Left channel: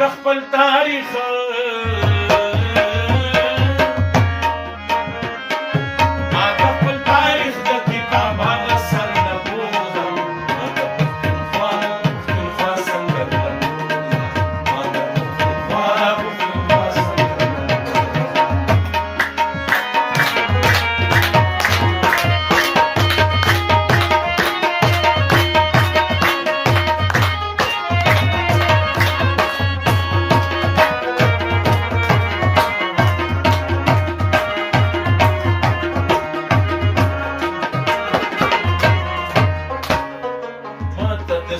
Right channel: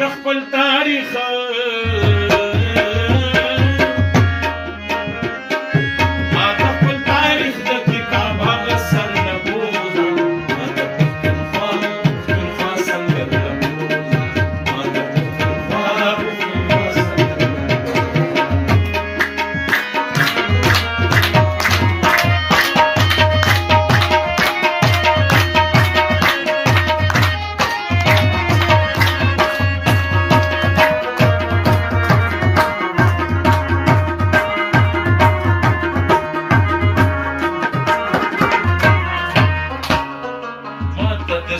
د خپل تاریخ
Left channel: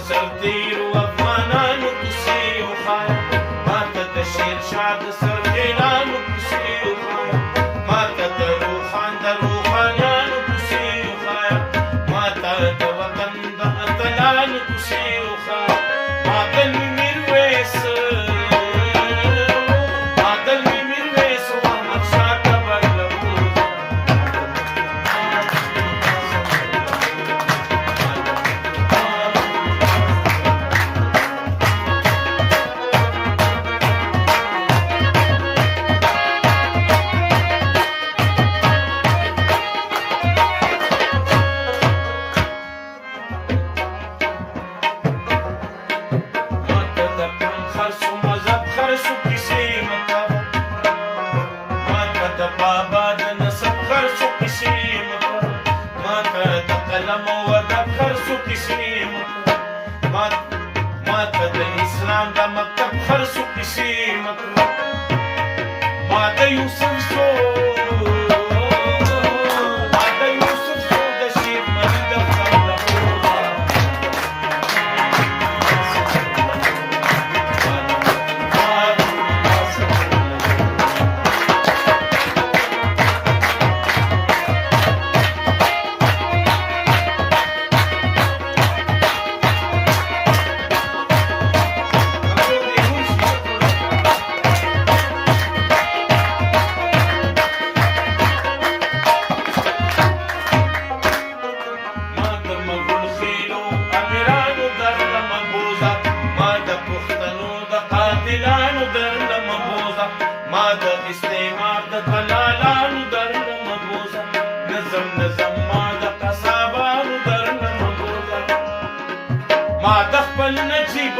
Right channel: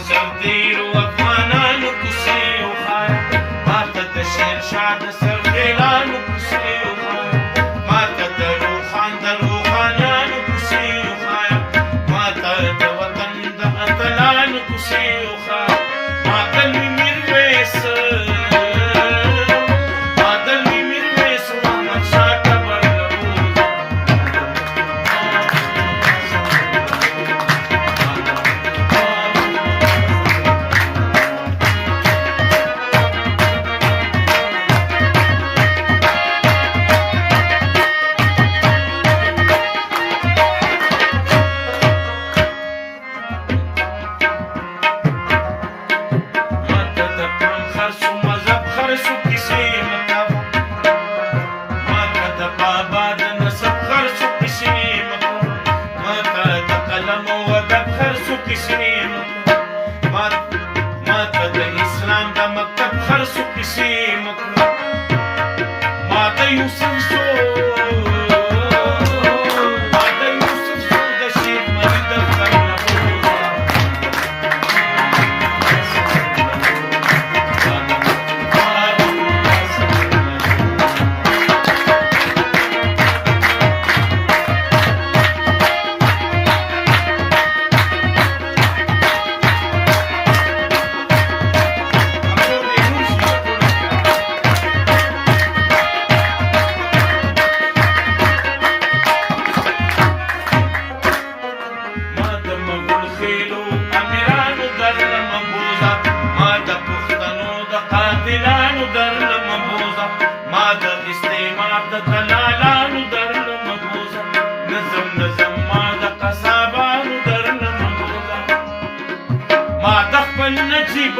سردیرو افغانانو کوڅې وښایه ماته د شیرشاه د سرخیلانو کوڅې وښایه ماته د روښانیانو کوڅې وښایه ماته د وطن د اتلانو کوڅې وښایه ما د لوی میرویس و احمدشاه ټبر له بوزه خرسو کیسې مکوه ماته د بابا د نسب خرسو کیسې مکوه ماته د قلم او ادب خرسو کیسې مکوه ماته د اسلام د مکتب خرسو کیسې مکوه ما د یوسف زو د شیر ملي دفتر نه ما د پښتنو د قاتلانو درله مبوزه ما د استعمار د دلالانو درله مبوزه نظم ما د قصابانو درله مبوزه ما د خپل نجیب